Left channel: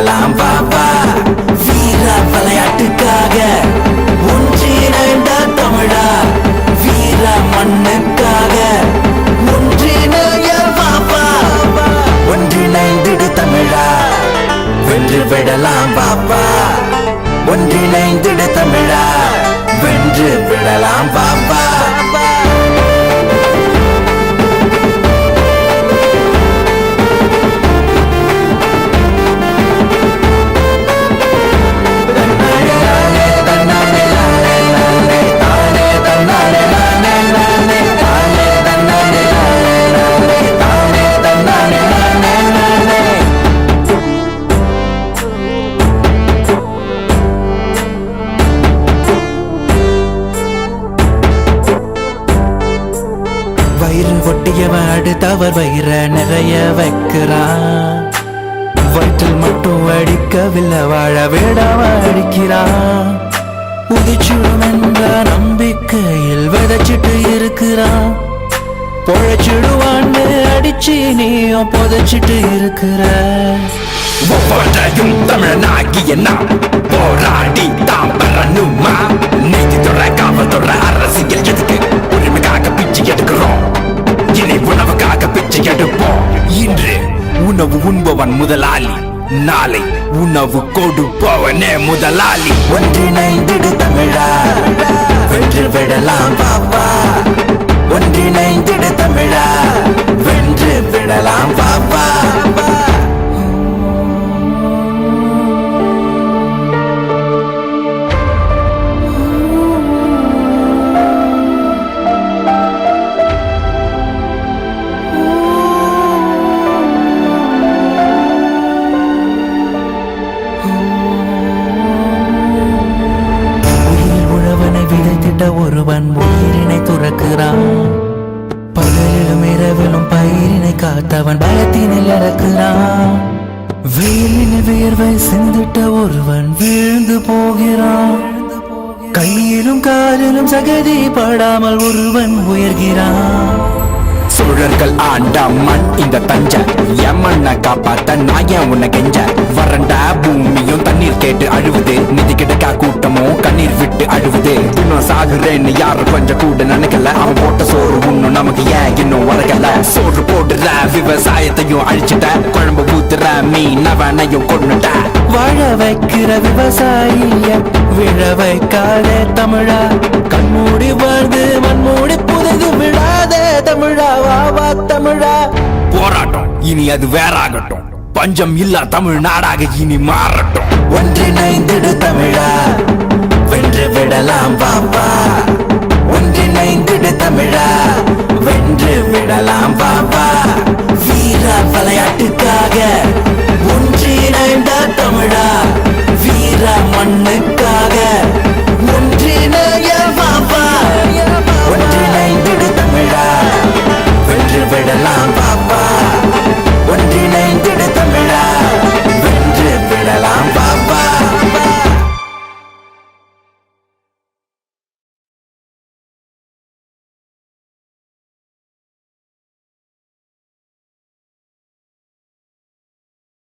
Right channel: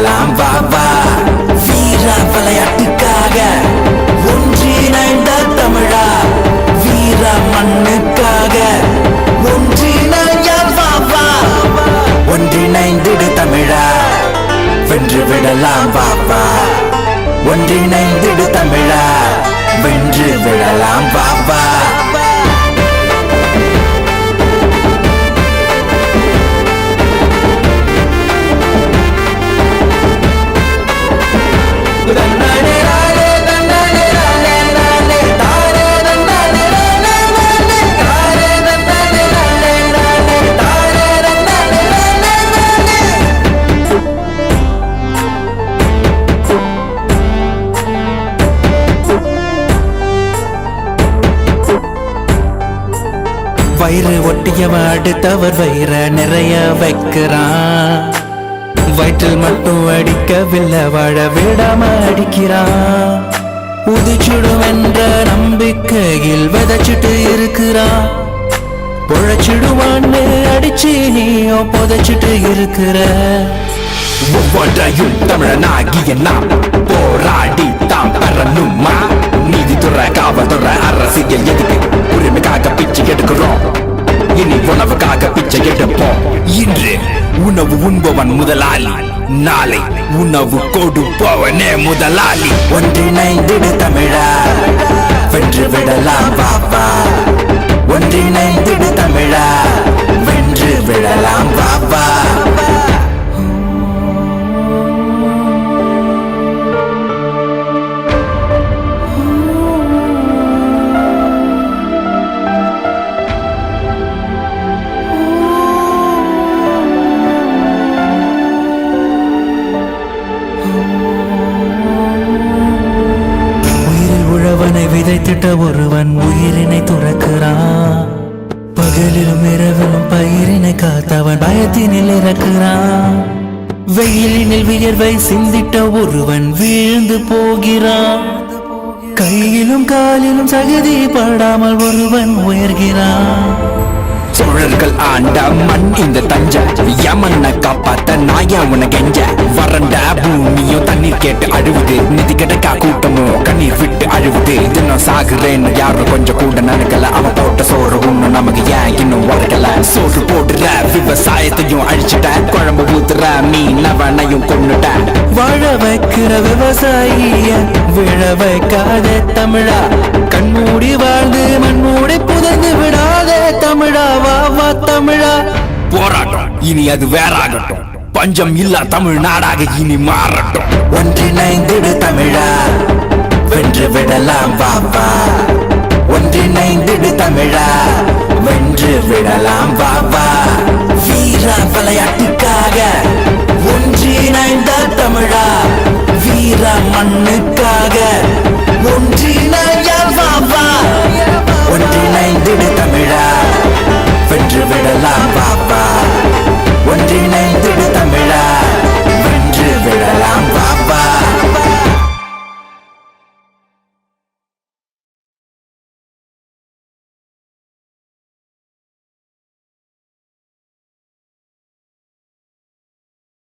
விடலாம் பாபா வீர விளையாட்டுக்காக ஒன்றிணைந்த தமிழா வீர மண்ணுக்காக ஒன்றிணைய பாபா ஒன்றிணைந்திடு தமிழா வென்று விடலாம் பாபா ஒன்றிணைந்திடு தமிழா வென்று விடலாம் பாபா வயிறு ஒட்டியவன் அடுத்தவர் வயிற நிறைய வைக்கிறான் வயிற்றில் மட்டும் அடிக்கவில்லை வாழ விடவன் அடிக்கிறான் உதிச்சிடும் என்ற நம்பிக்கையில் விதைச்சிட்டு இருக்கிறான் பொழைச்சிடுவான்னு அடிச்சு நீயும் புதைச்சிட்டு இருக்கிற ஒவ்வொன்றையும் தமிழனாகிய நாம் போராடி தாம் பெறணுமா நீதித்துறை காவல்துறை அரசியல் எதுக்கு உரிமைக்காக பிச்சை எடுக்கிறோம் இனி உணவுக்காக பிச்சை எடுப்போம் இன்று உணவு உண்பவன் முதலாளி நாளை உணவு கொடுப்பவனே முதலாளி ஒன்றிணைந்திடு தமிழா வென்று விடலாம் பாப்பா ஒன்றிணைந்திடு தமிழா வென்று விடலாம் பாப்பா ஒருவன் உயிரினை துறக்கிறான் பகலிலும் இரவிலும் பயிரினை காத்தவன் பயத்தினில் இறக்கிறான் வெயிலினில் வியர்வை சிந்திட்ட ஒருவன் வீழ்ந்து போகிறான் கையிலும் காலிலும் சகதி படாமல் ஒருவன் உயர்கிறான் சூழல்கள் ஆண்ட மண் இந்த தஞ்ச யமன காப்பாத்த நாயா உன்னை கெஞ்ச வறண்ட பூமியும் தண்ணீர் கேட்டு அழுவுது நிதி கிடக்கா கூட்டமும் கண்ணீர் விட்டு அழுவுது இன்னும் சாகுறேன்னு யாரும் கொஞ்சம் கூட நினைக்கல போட்ட சோறு ஒண்ணும் நமக்கு ஏன் இன்னும் உரையல சோறு போடுற விவசாயத்தையும் அழிச்சுட்ட குழம்பு ஊத்துற மீனவனையும் கொண்டுட்ட வாழ வைக்கிற விவசாயிய விழ வைக்காத தமிழா கண்மூடி வாழ்ந்து மண்மூடி புதைந்து விடாதே தமிழா வா தமிழா போராட்டம் இனி அது வேறாகட்டும் பஞ்சம் இல்லா தமிழ்நாடாக இனி மாறட்டும் ஒன்றிணைந்திடு தமிழா வென்று விடலாம் பாப்பா ஒன்றிணைந்திடு தமிழா வென்று விடலாம் பாப்பா வீர விளையாட்டுக்காக